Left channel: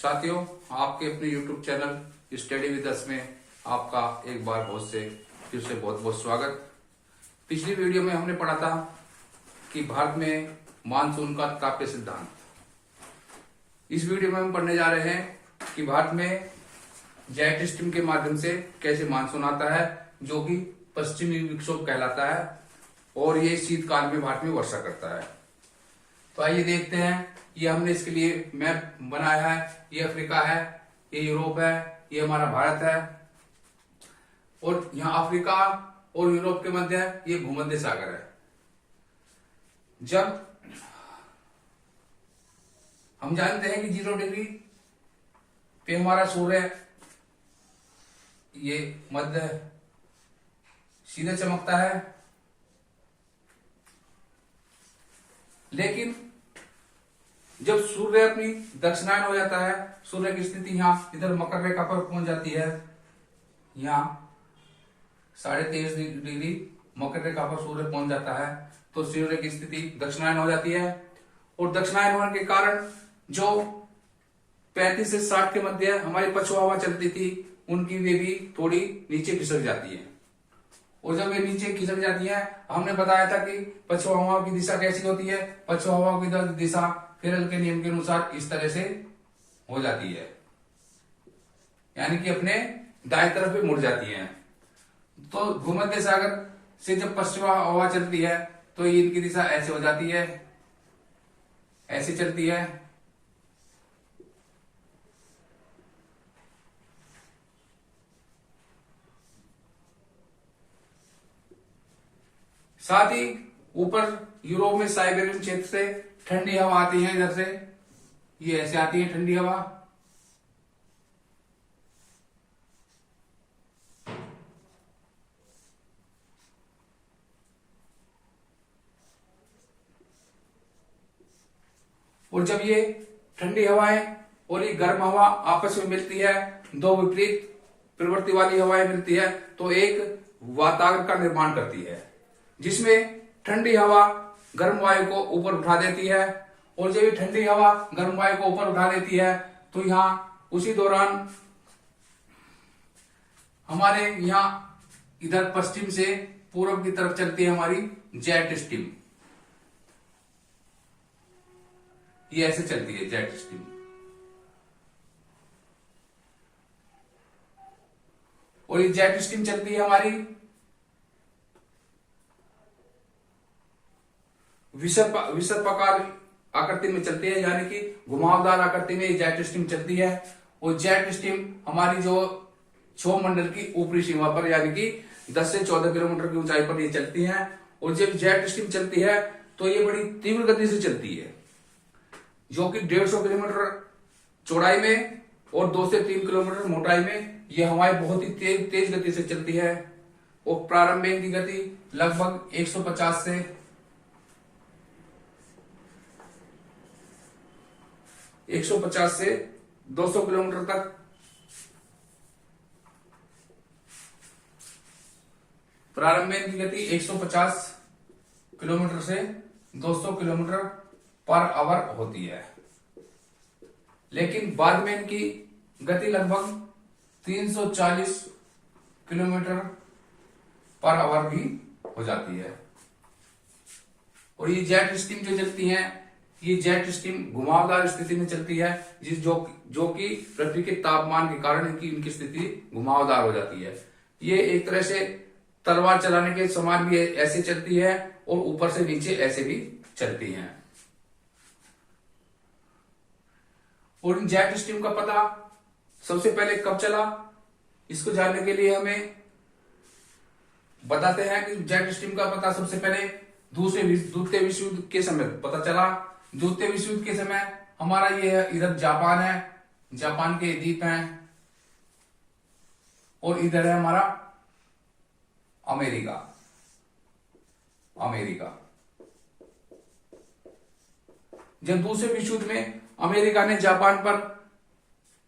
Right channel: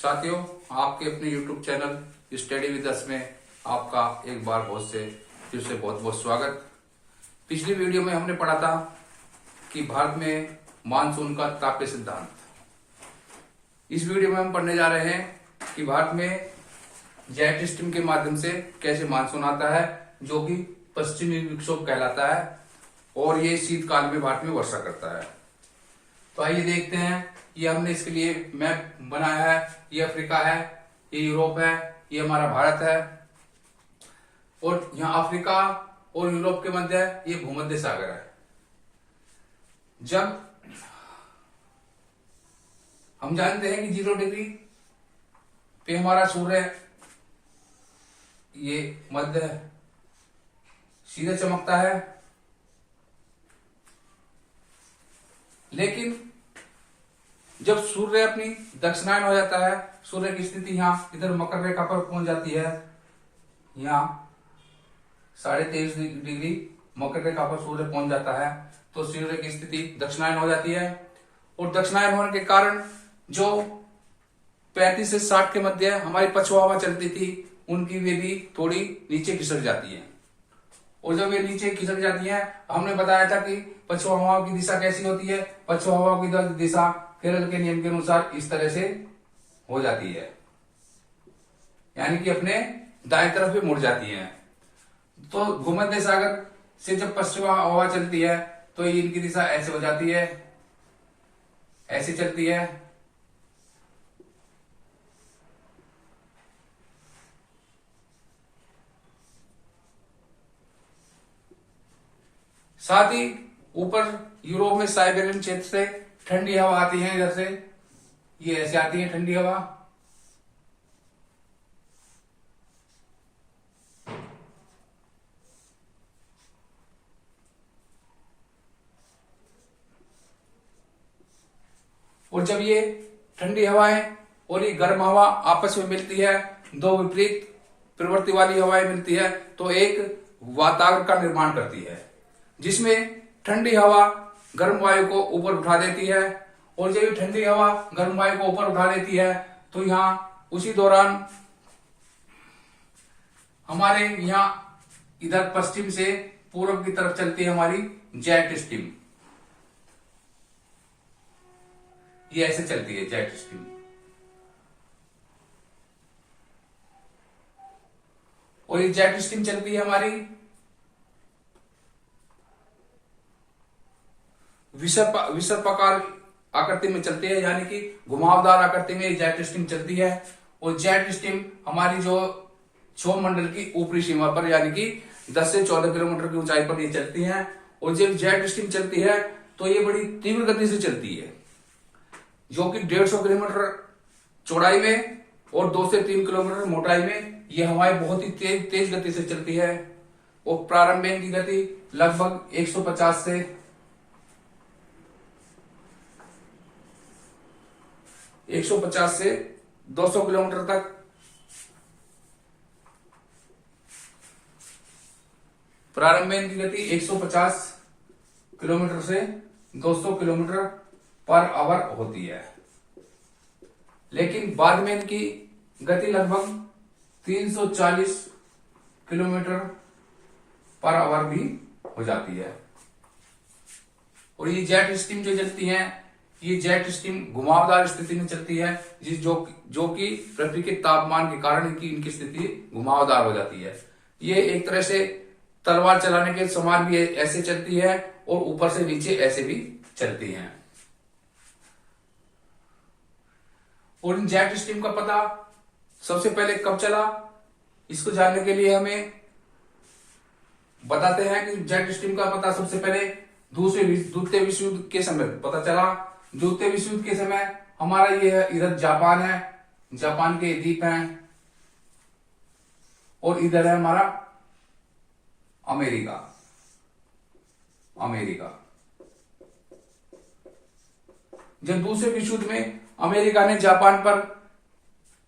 साथियों, आपके अपने YouTube channel study with us में आपका एक बार फिर से बहुत बहुत स्वागत। पिछली वीडियो में हमने पढ़ा था कि भारत में मानसून का ताप्य सिद्धांत। इस वीडियो में हम पढ़ने जा रहे हैं कि भारत में जेट स्ट्रीम के माध्यम से कैसे मानसून आता है, जो कि पश्चिमी विक्षोभ कहलाता है और ये शीतकाल में भारत में वर्षा करता है। तो आइए देखते हैं। ये हमने इसके लिए मैप बनाया है। ये अफ्रीका है, ये यूरोप है, ये हमारा भारत है और यहाँ अफ्रीका और यूरोप के मध्य ये भूमध्य सागर है। जब हम जानते हैं कि 0 डिग्री पे हमारा सूर्य ये मध्य सीधे चमकता है, लेकिन जब सूर्य अपनी दक्षिणायन हो जाता है, सूर्य की स्थिति यहाँ इधर मकर रेखा पर पहुंच जाती है, यहाँ 23.5 डिग्री मकर रेखा पर सूर्य पहुंच जाता है, तो सूर्य की स्थिति दक्षिणायन हो जाती है। और दक्षिणायन होने के कारण जो 35 से 60 के मध्य हमारी पछुआ हवा चलती थी, उनकी वे भी थोड़ी नीचे खिसक जाती है। और जब वे नीचे खिसक जाती है, हमने बताया था कि पछुआ हवाओं की दिशा कैसी होती है। पछुआ हवाओं की दिशा केरल के नियम के अनुसार इस तरह से हो जाती है, यानी कि अपने दाएं तरफ पे मुड़ जाती है। तो भूमध्य सागर से जब पश्चिमा हवा चलती है तो इनकी दिशा ऐसे हो जाती है, ऐसे चलती है। साथ ही ऊपर यूरोप में साइबेरियन क्षेत्र से ठंडी हवा आती है, इधर से ये ऐसे आती है ठंडी हवा। और जब ये ठंडी हवाएं और ये गर्म हवा आपस में मिलती है, दो विपरीत प्रवृत्ति वाली हवाएं मिलती है, तो एक वातावरण का निर्माण करती है, जिसमें ठंडी हवा गर्म वायु को ऊपर उठा देती है। और जब ये ठंडी हवा गर्म वायु को ऊपर उठा देती है, तो यहाँ उसी दौरान हमारे यहाँ इधर पश्चिम से पूर्व की तरफ चलती है हमारी जेट स्ट्रीम। ये ऐसे चलती है जेट स्ट्रीम। और ये जेट स्ट्रीम चलती है हमारी विसर्पाकार आकृति में चलती है, यानी कि घुमावदार आकृति में जेट स्ट्रीम चलती है। और जेट स्ट्रीम हमारी जो क्षोभ मंडल की ऊपरी सीमा पर, यानी कि 10 से 14 किलोमीटर की ऊंचाई पर ये चलती है। और जब जेट स्ट्रीम चलती है तो ये बड़ी तीव्र गति से चलती है, जो कि 150 किलोमीटर चौड़ाई में और 2 से 3 किलोमीटर मोटाई में ये हवाएं बहुत ही तेज गति से चलती है। और प्रारंभ में इनकी गति लगभग 150 से 200 किलोमीटर तक प्रारंभ में इनकी गति 150 किलोमीटर से 200 किलोमीटर पर आवर होती है, लेकिन बाद में इनकी गति लगभग 340 किलोमीटर पर आवर भी हो जाती है। और ये जेट स्ट्रीम जो चलती है, ये जेट स्ट्रीम घुमावदार स्थिति में चलती है, जो कि पृथ्वी के तापमान के कारण इनकी स्थिति घुमावदार हो जाती है। ये एक तरह से तलवार चलाने के समान भी ऐसे चलती है और ऊपर से नीचे ऐसे भी चलती हैं। और इन जेट स्ट्रीम का पता सबसे पहले कब चला, इसको जानने के लिए हमें बताते हैं कि जेट स्ट्रीम का पता सबसे पहले द्वितीय विश्व युद्ध के समय पता चला। द्वितीय विश्व युद्ध के समय हमारा ये इधर जापान है, जापान के द्वीप हैं, और इधर है हमारा अमेरिका। जब दूसरे विश्व युद्ध में अमेरिका ने जापान पर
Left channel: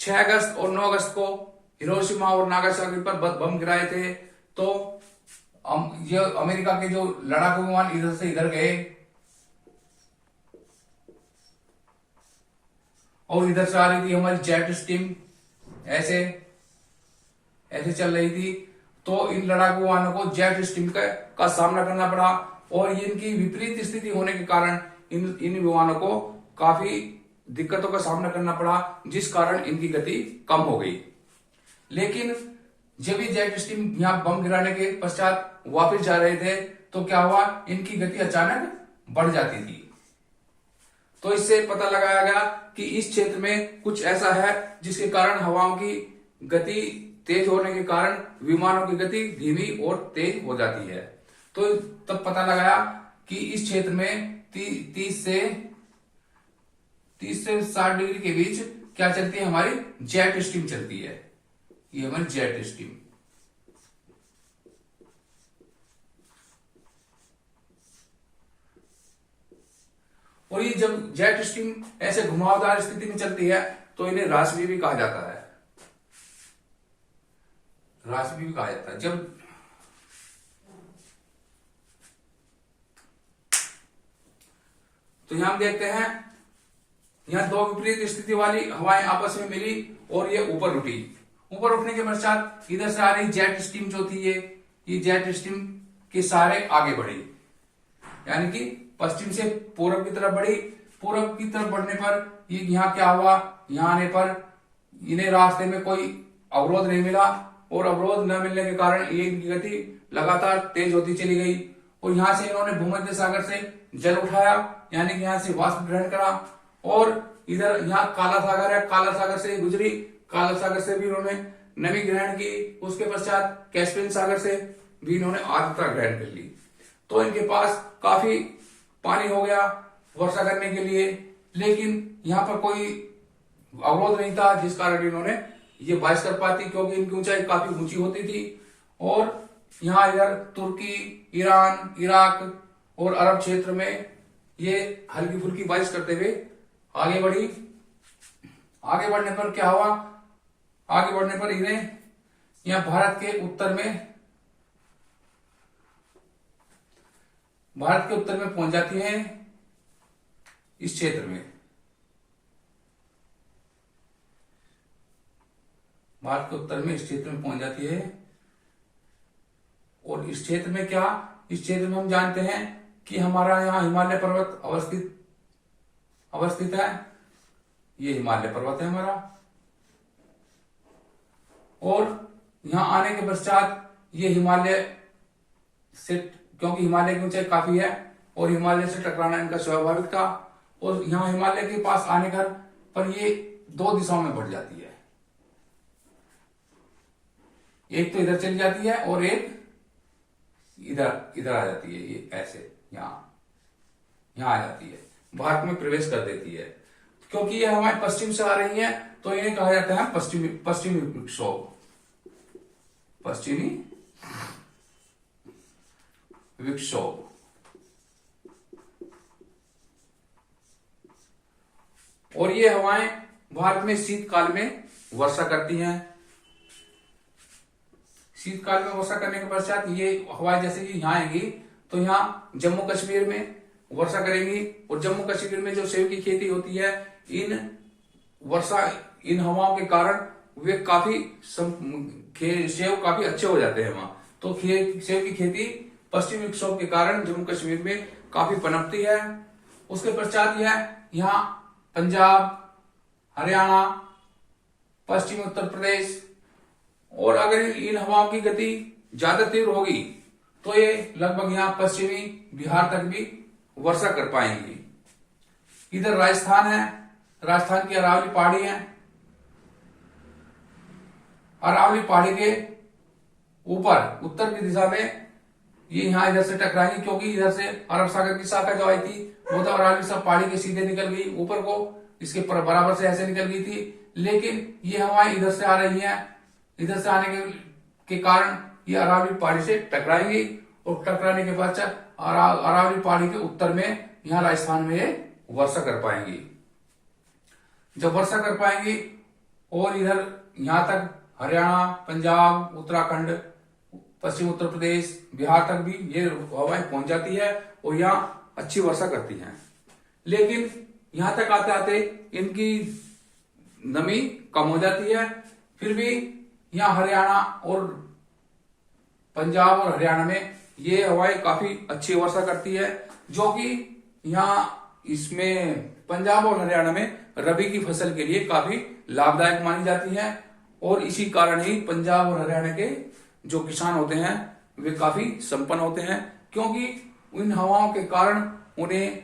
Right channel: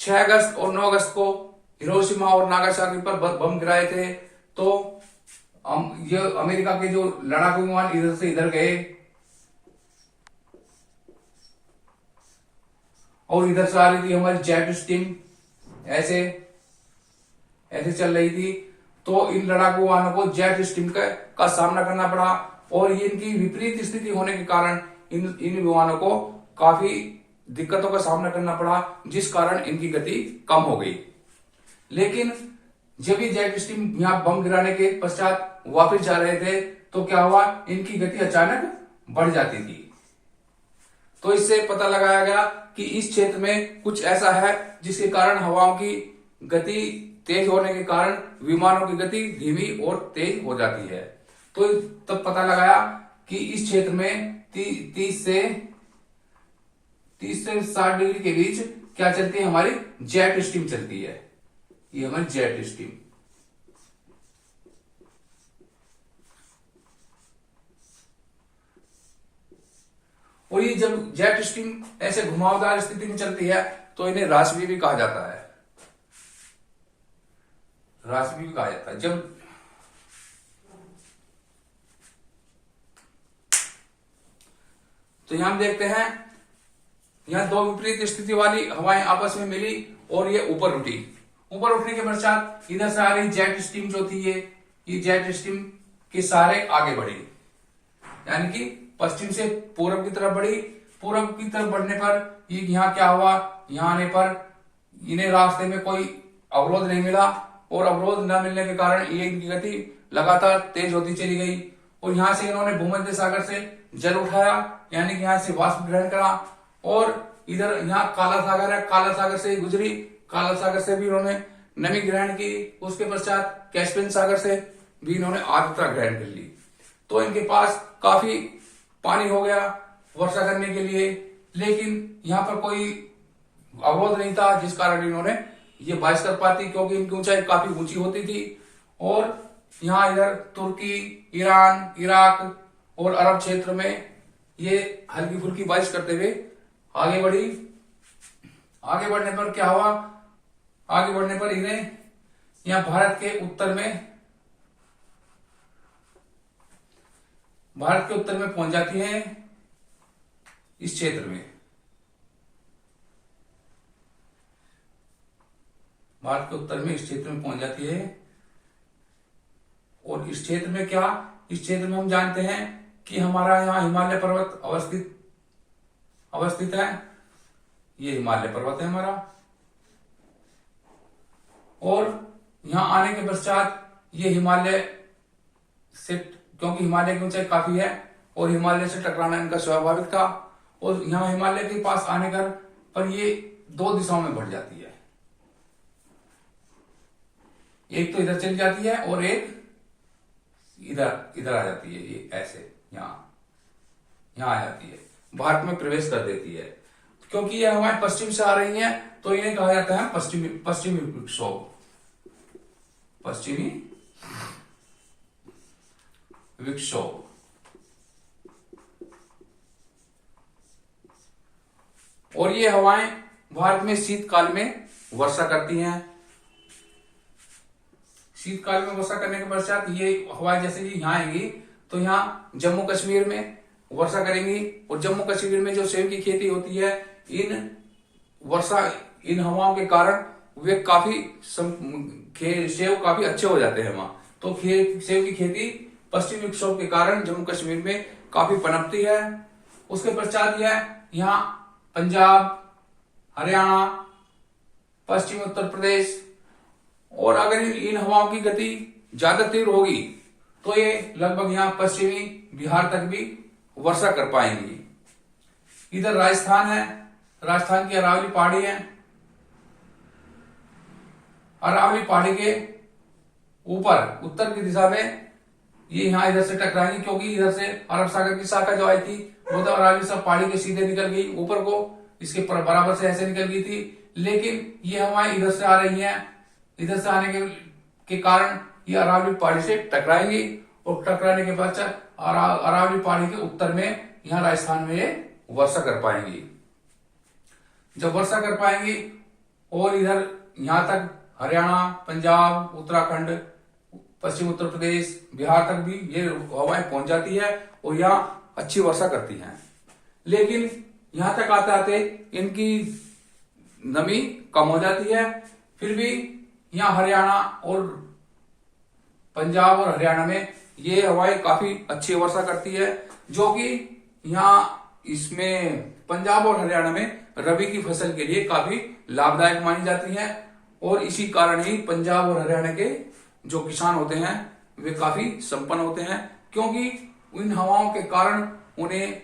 6 अगस्त और 9 अगस्त को हिरोशिमा और नागासाकी पर बम गिराए थे, तो ये अमेरिका के जो लड़ाकू विमान इधर से इधर गए और इधर से आ रही थी हमारी जेट स्ट्रीम, ऐसे ऐसे चल रही थी। तो इन लड़ाकू विमानों को जेट स्ट्रीम का सामना करना पड़ा, और ये इनकी विपरीत स्थिति होने के कारण इन विमानों को काफी दिक्कतों का सामना करना पड़ा, जिस कारण इनकी गति कम हो गई। लेकिन जब ये जेट स्ट्रीम यहां बम गिराने के पश्चात वापस जा रहे थे, तो क्या हुआ, इनकी गति अचानक बढ़ जाती थी। तो इससे पता लगाया गया कि इस क्षेत्र में कुछ ऐसा है जिसके कारण हवाओं की गति तेज होने के कारण विमानों की गति धीमी और तेज हो जाती है। तो तब पता लगाया कि इस क्षेत्र में 30 से 60 डिग्री के बीच क्या चलती है, हमारी जेट स्ट्रीम चलती है। ये हमारी जेट स्ट्रीम। और ये जब जेट स्ट्रीम ऐसे घुमावदार स्थिति में चलती है तो इन्हें राशि भी कहा जाता है। राशि भी कहा जाता है। जब तो यहां हम देखते हैं, यहां दो विपरीत स्थिति वाली हवाएं आपस में मिली और ये ऊपर उठी। ऊपर उठने के पश्चात इधर से आ रही जेट स्ट्रीम जो थी, ये जेट स्ट्रीम के सहारे आगे बढ़ी, यानी कि पश्चिम से पूर्व की तरफ बढ़ी। पूर्व की तरफ बढ़ने पर ये यहाँ क्या हुआ, यहाँ आने पर इन्हें रास्ते में कोई अवरोध नहीं मिला, और अवरोध न मिलने के कारण ये इनकी गति लगातार तेज होती चली गई। और यहां से इन्होंने भूमध्य सागर से जल उठाया, यानी कि यहां से वाष्प ग्रहण करा, और इधर यहाँ काला सागर है, काला सागर से ही गुजरी, काला सागर से भी इन्होंने नमी ग्रहण की। उसके पश्चात कैस्पियन सागर से भी इन्होंने आर्द्रता ग्रहण कर ली। तो इनके पास काफी पानी हो गया वर्षा करने के लिए, लेकिन यहाँ पर कोई अवरोध नहीं था, जिस कारण इन्होंने ये बारिश कर पाती, क्योंकि इनकी ऊंचाई काफी ऊंची होती थी। और यहाँ इधर तुर्की, ईरान, इराक और अरब क्षेत्र में ये हल्की फुल्की बारिश करते हुए आगे बढ़ी। आगे बढ़ने पर क्या हुआ, आगे बढ़ने पर इन्हें यहाँ भारत के उत्तर में पहुंच जाती है, इस क्षेत्र में। भारत के उत्तर में इस क्षेत्र में पहुंच जाती है। और इस क्षेत्र में क्या, इस क्षेत्र में हम जानते हैं कि हमारा यहाँ हिमालय पर्वत अवस्थित है। ये हिमालय पर्वत है हमारा। और यहां आने के पश्चात ये हिमालय से, क्योंकि हिमालय की ऊंचाई काफी है और हिमालय से टकराना इनका स्वाभाविक था, और यहां हिमालय के पास आने पर ये दो दिशाओं में बढ़ जाती है। एक तो इधर चली जाती है और एक इधर आ जाती है, ये ऐसे यहां आ जाती है, भारत में प्रवेश कर देती है। क्योंकि ये हवाएं पश्चिम से आ रही हैं, तो इन्हें कहा जाता है पश्चिमी विक्षोभ, पश्चिमी विक्षोभ। और ये हवाएं भारत में शीतकाल में वर्षा करती हैं। शीतकाल में वर्षा करने के पश्चात ये हवाएं जैसे ही यहाँ आएंगी तो यहाँ जम्मू कश्मीर में वर्षा करेंगी, और जम्मू कश्मीर में जो सेब की खेती होती है, इन हवाओं के कारण वे काफी सेब काफी अच्छे हो जाते हैं वहां। तो सेब की खेती पश्चिमी विक्षोभ के कारण जम्मू कश्मीर में काफी पनपती है। उसके पश्चात यह यहाँ पंजाब, हरियाणा, पश्चिमी उत्तर प्रदेश, और अगर इन हवाओं की गति ज्यादा तीव्र होगी तो ये लगभग यहाँ पश्चिमी बिहार तक भी वर्षा कर पाएंगी। इधर राजस्थान है, राजस्थान की अरावली पहाड़ी है। अरावली पहाड़ी के ऊपर उत्तर की दिशा में ये यहाँ इधर से टकराएंगी, क्योंकि इधर से अरब सागर की शाखा जो आई थी वो तो अरावली सब पहाड़ी के सीधे निकल गई ऊपर को, इसके बराबर से ऐसे निकल गई थी। लेकिन ये हवाएं इधर से आ रही हैं, इधर से आने के कारण ये अरावली पहाड़ी से टकराएंगी, और टकराने के बाद अरावली पहाड़ी के उत्तर में यहाँ राजस्थान में ये वर्षा कर पाएंगी। जब वर्षा कर पाएंगी और इधर यहां तक हरियाणा, पंजाब, उत्तराखंड, पश्चिम उत्तर प्रदेश, बिहार तक भी ये हवाएं पहुंच जाती है और यहाँ अच्छी वर्षा करती हैं। लेकिन यहां तक आते आते इनकी नमी कम हो जाती है। फिर भी यहाँ हरियाणा और पंजाब और हरियाणा में ये हवाएं काफी अच्छी वर्षा करती है, जो कि यहाँ इसमें पंजाब और हरियाणा में रबी की फसल के लिए काफी लाभदायक मानी जाती है। और इसी कारण ही पंजाब और हरियाणा के जो किसान होते हैं वे काफी संपन्न होते हैं, क्योंकि इन हवाओं के कारण उन्हें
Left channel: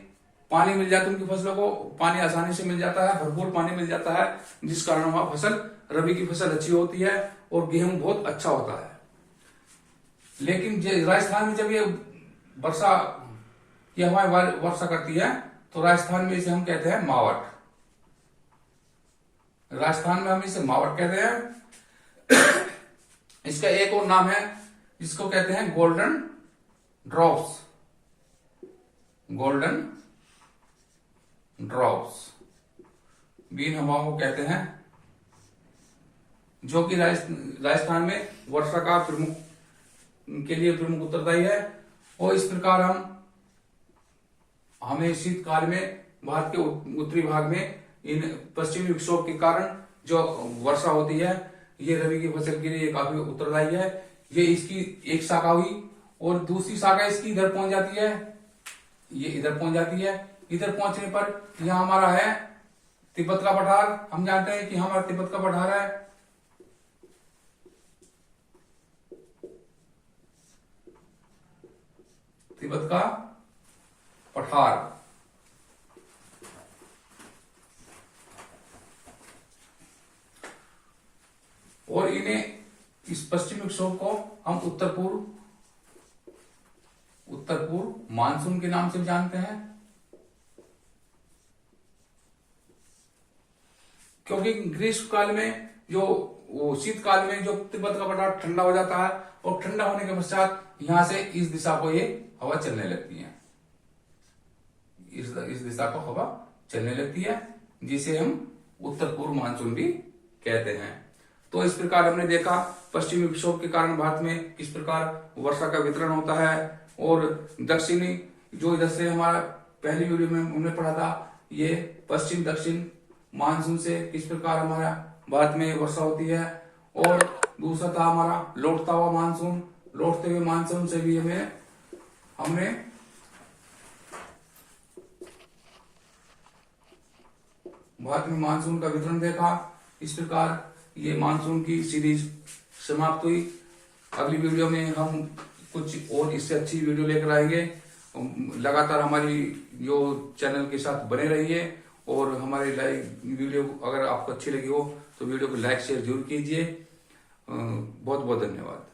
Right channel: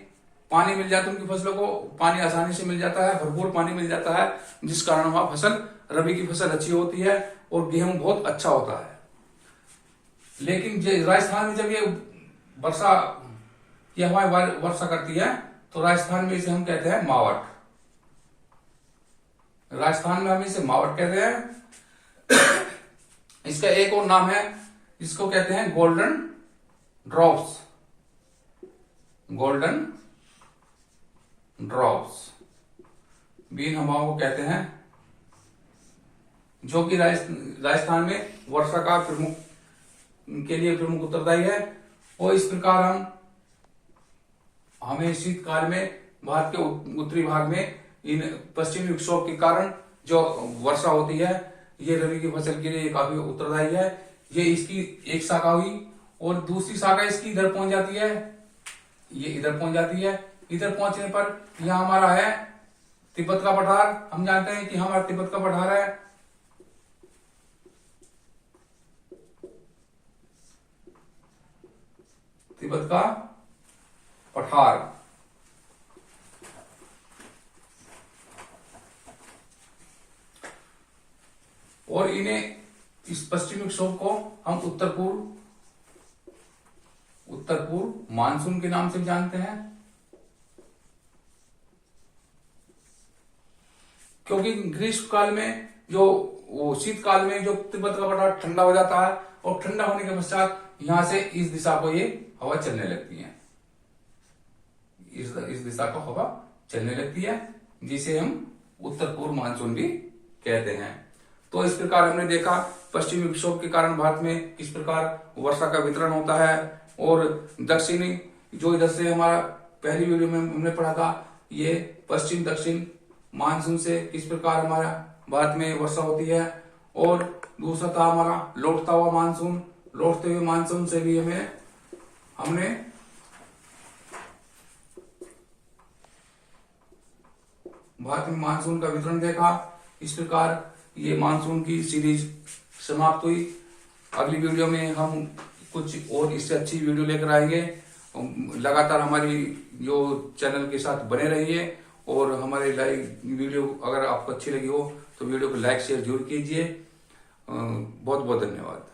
पानी मिल जाता है, उनकी फसलों को पानी आसानी से मिल जाता है, भरपूर पानी मिल जाता है, जिस कारण वहां फसल रबी की फसल अच्छी होती है और गेहूं बहुत अच्छा होता है। लेकिन राजस्थान में जब ये वर्षा की हवाएं वर्षा करती है तो राजस्थान में इसे हम कहते हैं मावट। राजस्थान में हम इसे मावट कहते हैं। इसका एक और नाम है जिसको कहते हैं गोल्डन ड्रॉप्स। गोल्डन ड्रॉप्स भी इन हवाओं को कहते हैं, जो कि राजस्थान में वर्षा का के लिए प्रमुख उत्तरदायी है। और इस प्रकार हमें शीतकाल में भारत के उत्तरी भाग में इन पश्चिमी विक्षोभ के कारण जो वर्षा होती है, ये रबी की फसल के लिए काफी उत्तरदायी है। ये इसकी एक शाखा हुई और दूसरी शाखा इसकी इधर पहुंच जाती है, ये इधर पहुंच जाती है। इधर पहुंचने पर यह हमारा है तिब्बत का पठार। हम जानते हैं कि हमारा तिब्बत का पठार है, तिब्बत का पठार। और इन्हें इस पश्चिमी विक्षोभ को हम उत्तर पूर्व मानसून के नाम से भी जानते हैं, क्योंकि ग्रीष्म काल में जो शीतकाल में जो तिब्बत का पठार ठंडा हो जाता है और ठंडा होने के पश्चात यहां से इस दिशा को ये हवा चलने लगती है, इस दिशा को हवा चलने लगती है, जिसे हम उत्तर पूर्व मानसून भी कहते हैं। तो इस प्रकार हमने देखा पश्चिमी विक्षोभ के कारण भारत में किस प्रकार वर्षा का वितरण होता है, और दक्षिणी जो इधर से हमारा पहली वीडियो में हमने पढ़ा था, ये पश्चिम दक्षिण मानसून से किस प्रकार हमारा भारत में वर्षा होती है। और दूसरा था हमारा लौटता हुआ मानसून। लौटते हुए मानसून से भी हमने भारत में मानसून का वितरण देखा। इस प्रकार ये मानसून की सीरीज समाप्त हुई। अगली वीडियो में हम कुछ और इससे अच्छी वीडियो लेकर आएंगे। लगातार हमारी जो चैनल के साथ बने रहिए, और हमारे वीडियो अगर आपको अच्छी लगी हो तो वीडियो को लाइक शेयर जरूर कीजिए। बहुत बहुत धन्यवाद।